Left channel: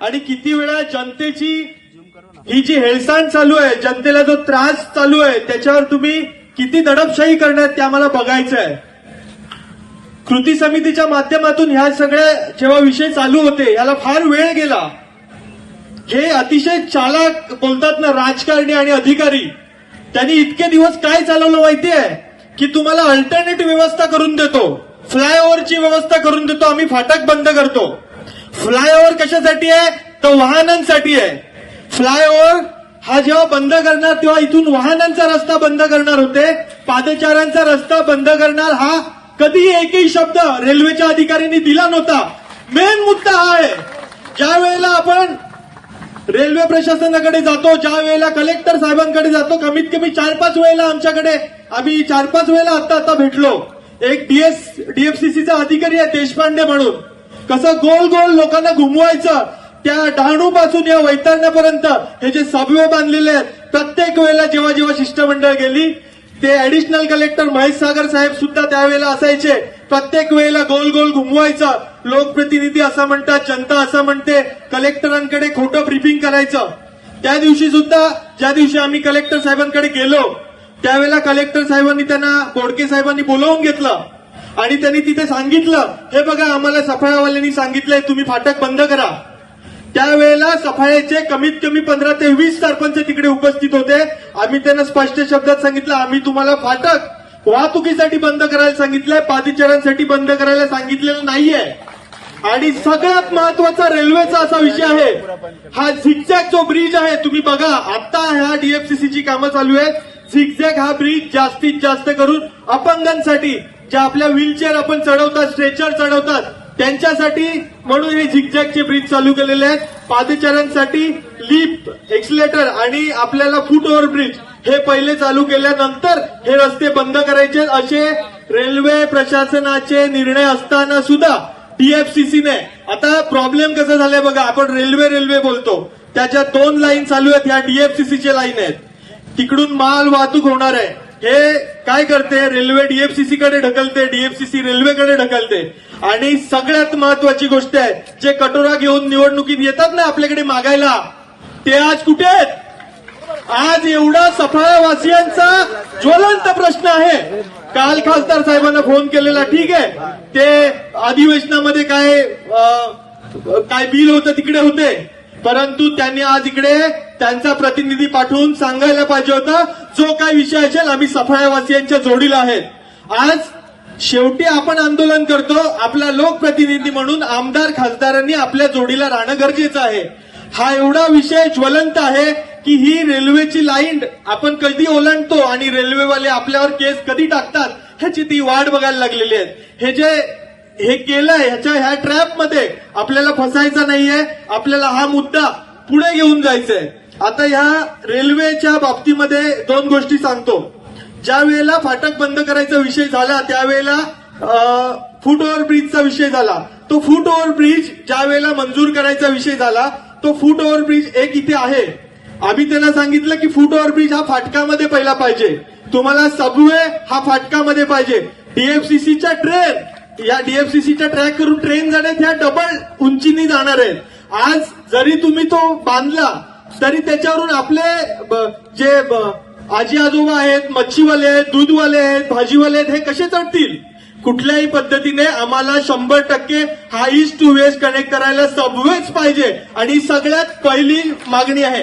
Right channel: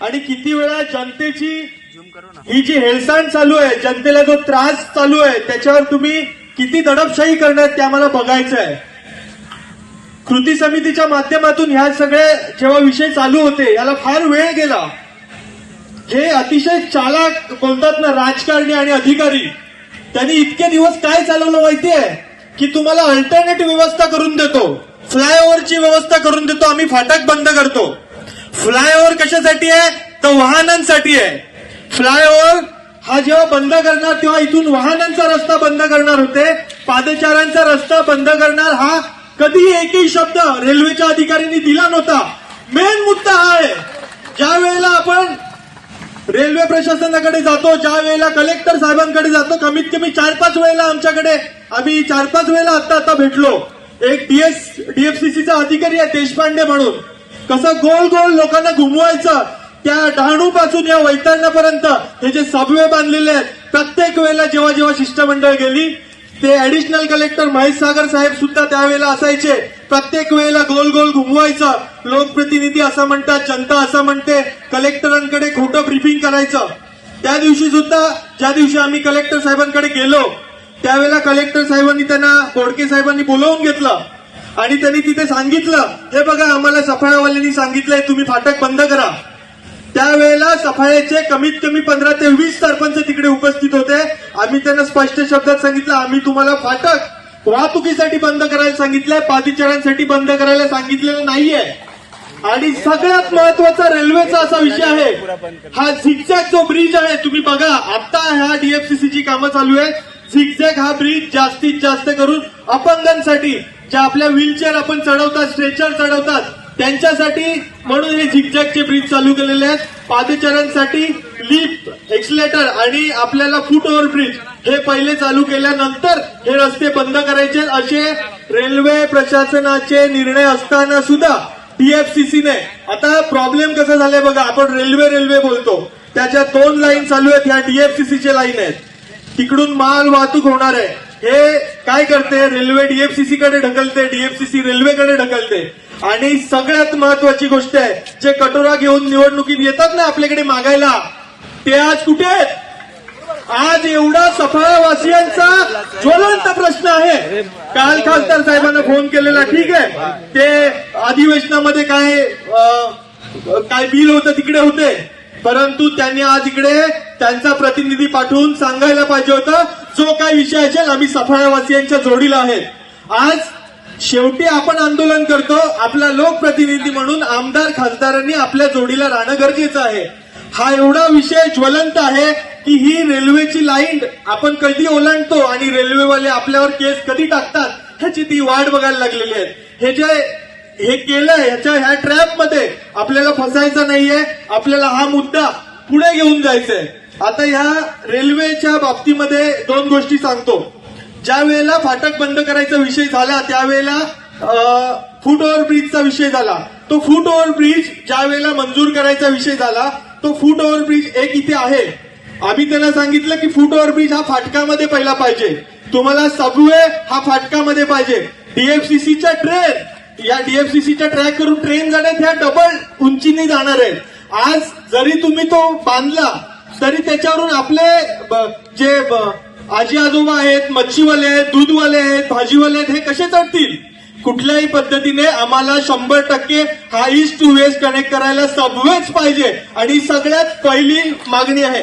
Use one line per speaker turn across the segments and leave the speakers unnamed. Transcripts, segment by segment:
आणि किती वेळा जनतेची ही जी हेळसांड चालू आहे जनतेला जो त्रास चालू आहे त्याच्यावर तुम्ही किती दडपशाही करण्यात ते आम्हाला बघायचं आहे कृती समितीच्या माध्यमातून ह्या सगळे जेव्हा विषय चालू होते याला फार वेळ गेला. हे अतिशय चालाक बोलतात ना राजकारणी आणि अधिकारी. त्यांनी इतके दिवस काय चालवलं माहितीये? की तुम्हाला अल्टरनेट व्यवस्था करून देतो. फ्लायओव्हरची व्यवस्था करून देतो. आम्ही फाटक बंद करतो. फ्लायओव्हर कशासाठी आहे? तर वाहनांसाठी आहे. फ्लायओव्हर हा जेव्हा बंद करणार तेव्हा इथून वाहनांचा रस्ता बंद करणार होते. पादचाऱ्यांचा रस्ता बंद करणार हा कधीही एकही शब्द रेल्वेच्या अधिकाऱ्यांनी दिला नव्हता. मेन मुद्दा हा आहे. ज्या वेळेला आपण रेल्वे प्रशासनाकडे जातो ज्या वेळेला कलेक्टर साहेबांकडे जातो कमीत कमी चार पाच वेळेला आमच्याकडे आम्ही चार पाच वेळेला आता आता भेटलो. एक डीएस डीएफसीसीचा अधिकारी आहे देशपांडे म्हणून. कसं गोल गोल लोकांना घुमवायचं. त्या डहाणू पासून या वैतरणापर्यंत हे जे सबवे बांधलेले आहेत प्रत्येक वेळेला जेव्हा जेव्हा शिष्टमंडळ गेली ते ऍडिशनल कलेक्टर महेश सागर साहेब सुद्धा त्यावेळेला असायचे. प्रत्येक वेळेला गोल गोल घुमवायचं. लोकप्रतिनिधी असं म्हणतात जनता असं म्हणते कलेक्टरांकडे खोटं ब्रिफिंग करायचं. त्या दिवशी सुद्धा ज्या दिवशी आम्ही कलेक्टर साहेबांकडे गेलो त्यावेळेला कलेक्टर साहेबांनी त्यांना बोडके साहेबांनी बोलवून घेतलं. आणि त्यांनी तिथे सांगितलं हे बघा आम्हाला सफाळावाल्यांनी सांगितलंय तुम्ही फाटक बंद करा. त्यावेळेला सफाळ्याचे कमीत कमी पंधरा ते वीस सरपंच तिकडे उपस्थित होते. आम्ही त्यांना स्पष्ट शब्दात सांगितलं आम्ही तुम्हाला फाटक वाहतुकीसाठी बंद करायला सांगितलंय पादचाऱ्यांसाठी बंद करायला सांगितलेलं नाहीये. आणि सगळ्यात महत्त्वाचा रेल्वेचा असा विषय आहे. हा झिगझॅग जो ब्रिज आहे तुम्ही बघा आता ह्या डीएफसीसीची कामं चालू आहे झिगझॅग हा ब्रिज जास्तीत जास्त करून अपंगांसाठी ज्या आपल्या व्हीलचेअर आपण चढवतात स्ट्रेचर चढवतात त्यांच्यासाठी म्हणून हे झिकझॅकचे ब्रिज चालू केलेले आहेत. पादचाऱ्यांसाठी लिफ्ट एक्सिलेटर आणि आपल्याला फुट ओव्हर ब्रिज हे पहिले चालू केल्यानंतर हे रस्ते बंद करायचे. असे रेल्वे प्रशासनाचे निर्णय असताना सुद्धा डीएफसीसीने आता प्रॉब्लेम कसा झालाय बघा आपण रेल्वे रेल्वे बोलतो. त्याच्या दोन लाईन चालू आहेत ह्या डीएफसीसीच्या लाईन आहेत. तिकडून माल वाहतूक होणार आहे. हे काय करते? रेल्वे डीएफसीसी कडे ढकलते डीएफसीसी रेल्वेकडे ढकलते. आणि सगळ्यात महत्वाची गोष्ट आहे जे कटोरा घेऊन निवडणुकीत येतात ना आपल्याकडे मागायला ते आज कुठे आहेत? आज एवढा सफळवासियांचा ज्वलंत प्रश्न आहे. काल खासदार साहेबांना फोन केलेला ठीक आहे. ते अधिवेशनामध्ये काय काय बिल होतं तिकडे होते. परंतु त्यांनी आज इकडे त्यांचा प्रतिनिधी पाठवून सांगायला पाहिजे होतं जो काय विषय असेल आम्ही सफाळ्यावासियांच्या जोडीला आहे. आज शेवटी आपण आंदोलन करतो आपला लोकप्रतिनिधी म्हणून आमदार खासदारांनी आपल्या जोडीला राहणं गरजेचं आहे. हा एवढा विषय ज्वलंत आहे की ही रेल्वेची लाईन आपण कधी ओलांडतो आणि रेल्वेवाले आपल्यावर केस कधी टाकतात ह्याची ती वाट बघायला लागलेली आहे. हे जे हे केलं ह्याच्या ह्या ट्रॅपमध्ये आपल्याला फसायचं नाहीये. आपल्याला हा मुद्दा पुढे घेऊन जायचंय. आता ह्या रेल्वेच्या बाबतीमध्ये दोन गोष्टी सांगतो. ज्या वेळेला फाटक बंद करायचा विषय झाला त्यावेळेला फूट ओव्हर ब्रिजचा विषय झाला. तो फूट ओव्हर ब्रिज ज्या वेळेला मंजूर करायचा विषय झाला तो फूट ओव्हर ब्रिज एक इथे आहे. आम्ही त्यांना सांगितलं की फूट ओव्हर ब्रिज हा फाटकामध्ये पहिला पाहिजे. तुम्हाला सबवे हा फाटकामध्ये पाहिजे. डीएफसीसीच्या ट्रेन या डीएफसीसीच्या ट्रॅक करून ट्रेन जाण्यात ह्या डबल उंचीने जाणार आहेत. आज जरी तुम्ही तो बांधला तरी त्याच्यावरून आपले ब- जे आजी आजोबा आहेत मच्छीवाले आहेत दूधवाले आहेत भाजीवाले आहेत हे कसे चढतील कुठल्याही पद्धतीने आम्हाला शंभर टक्के हा ईस्ट टू वेस्ट कनेक्ट करायला सबवेच पाहिजे. आणि सगळ्यात पहिली मागणी आहे.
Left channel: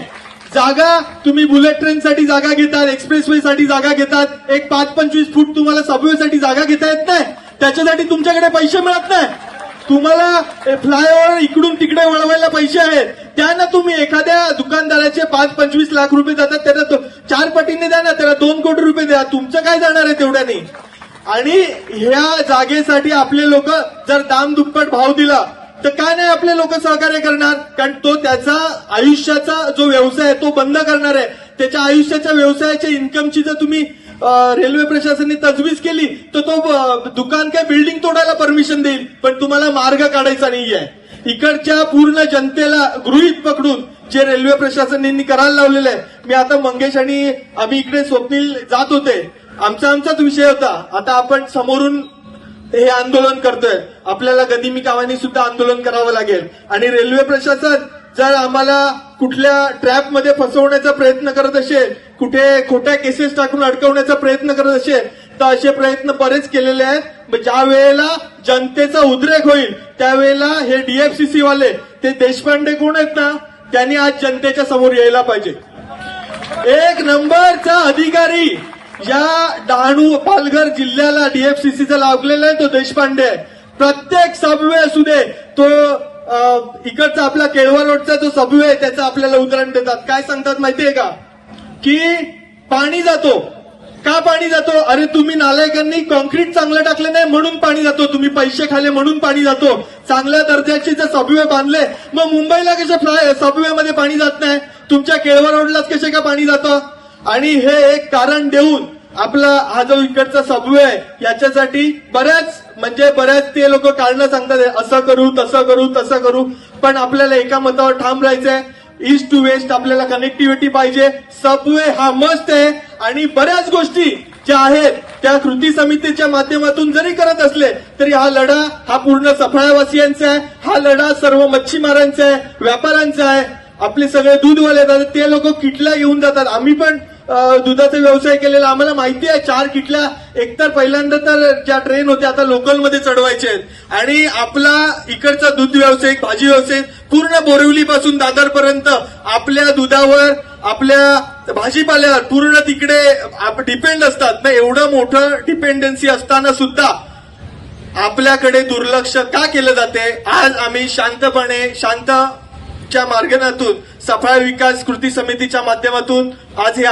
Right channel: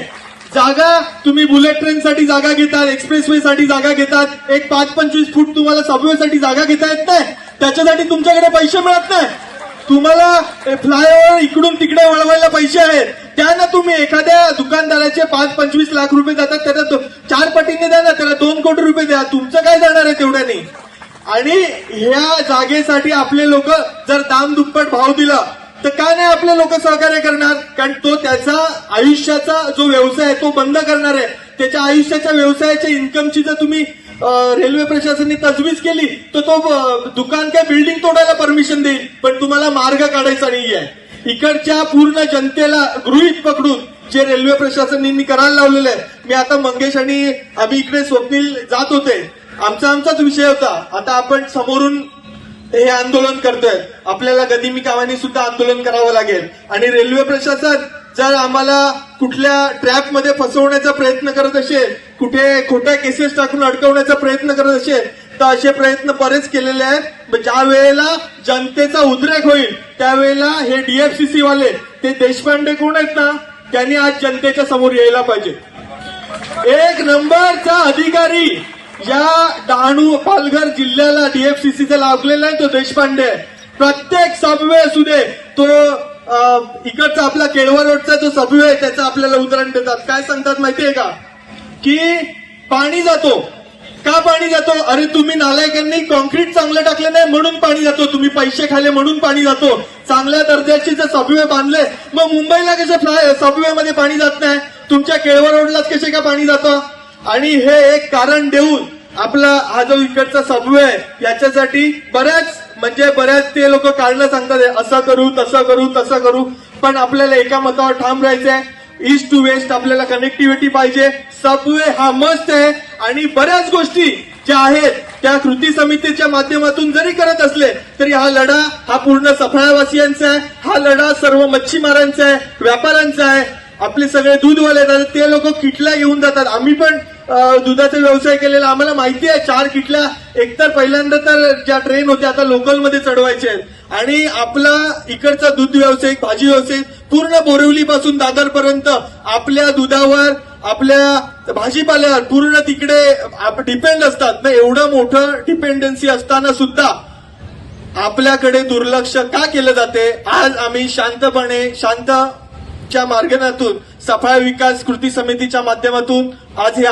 जागा तुम्ही बुलेट ट्रेनसाठी जागा घेतात एक्सप्रेसवे साठी जागा घेतात. एक पाच पंचवीस फूट तुम्हाला सबवेसाठी जागा घेता येत नाही. त्याच्यासाठी तुमच्याकडे पैसे मिळत नाही. तुम्हाला फ्लायओव्हर इकडून तिकडे वळवायला पैसे आहेत. त्यांना तुम्ही. एखाद्या दुकानदाराचे पाच पंचवीस लाख रुपये जातात त्याला चार पटीने द्या ना त्याला दोन कोटी रुपये द्या. तुमचं काय जाणार आहे तेवढ्याने? आणि ह्या जागेसाठी आपले लोक जर दाम दुप्पट भाव दिला तर काय नाही आपले लोक सहकार्य करणार? कारण तो त्याचा आयुष्याचा जो व्यवसाय आहे तो बंद करणार आहे. त्याच्या आयुष्याच्या व्यवसायाच्या इन्कमची जर तुम्ही रेल्वे प्रशासनाने तजवीज केली तर तो दुकान काय बिल्डिंग तोडायला परमिशन देईल. पण तुम्हाला मार्ग काढायचा नाही आहे इकडच्या पूर्ण जनतेला गृहित पकडून जे रेल्वे प्रशासनाने करायला लावलेलं आहे मी आता मंगेश आणि आम्ही इकडे स्वप्नील जात होते. आमचा आमचाच विषय होता. आता आपण समोरून हे आंदोलन करतोय. आपल्याला गदिमी कामाने सुद्धा आंदोलन करावं लागेल. आणि रेल्वे प्रशासन जर आम्हाला कुठल्या ट्रॅपमध्ये फसवण्याचा प्रयत्न करत असेल कुठे खोट्या केसेस टाकून अडकवण्याचा प्रयत्न करत असेल तर असे प्रयत्न बरेच केलेले आहेत. ज्या वेळेला जनतेचा उद्रेक होईल त्यावेळेला हे डीएफसीसी वाले ते देशपांडे कोण आहेत ना त्यांनी आज जनतेच्या समोर यायला पाहिजे. एक नंबरचा अधिकारी या डहाणू पालघर जिल्ह्याला डीएफसीसीचा लागलेला आहे तो देशपांडे आहे. प्रत्येक सबवे असू दे तो इकडचा आपला केळवा रोडचा जो सभ्य आहे त्याचं आपल्याला उदाहरण देतात. काय सांगतात माहितीये का? की पाणी जातो. का पाणी जातो? अरे तुम्ही नालायकांनी कॉन्क्रीट चांगलं टाकलं नाही म्हणून पाणी जातो. तुम्ही पैसे खाले म्हणून पाणी जातो. चांगल्या दर्जाचे जर सबवे बांधले मग मुंबईला कसे सबवे मध्ये पाणी जात नाही? तुमच्या केळवा रोडलाच कसे का पाणी जातं? आणि हे एक कारण देऊन आपला हा जो इकडचा समूह आहे याच्यासाठी बऱ्याच म्हणजे बऱ्याच ते लोक कारण सांगतात असं करू तसं करू तसं करू. पण आपल्याला एका मतावर ठाम राहायचंय. ईस्ट टू वेस्ट आपल्याला कनेक्टिव्हिटी पाहिजे. सबवे हा मस्त आहे. आणि बऱ्याच गोष्टी ज्या आहेत त्या कृती समितीच्या माध्यमातून जरी करत असले तरी हा लढा हा पूर्ण सफळावासियांचा आहे. हा लढा सर्व मच्छीमारांचा आहे व्यापाऱ्यांचा आहे. आपले सगळे दूधवाले जातात ते लोक किटल्या घेऊन जातात. आम्ही पण दुधाचा व्यवसाय केलेला. आम्हाला माहिती आहे चार किटल्या. एकतर पहिल्यांदा तर ज्या ट्रेन होत्या आता लोकलमध्ये चढवायचे आहेत. आणि आपला इकडचा दूध व्यावसायिक भाजी व्यावसायिक पूर्ण बोरिवलीपासून दादरपर्यंत आपल्या दुधावर आपल्या भाजीपाल्यावर पूर्ण तिकडे डिपेंड असतात. ना एवढं मोठं डिपेंडन्सी असताना सुद्धा आपल्याकडे दुर्लक्ष का केलं जाते? आज आम्ही शांतपणे शांतच्या मार्गनातून सफाळ विकास कृती समितीच्या माध्यमातून आज हे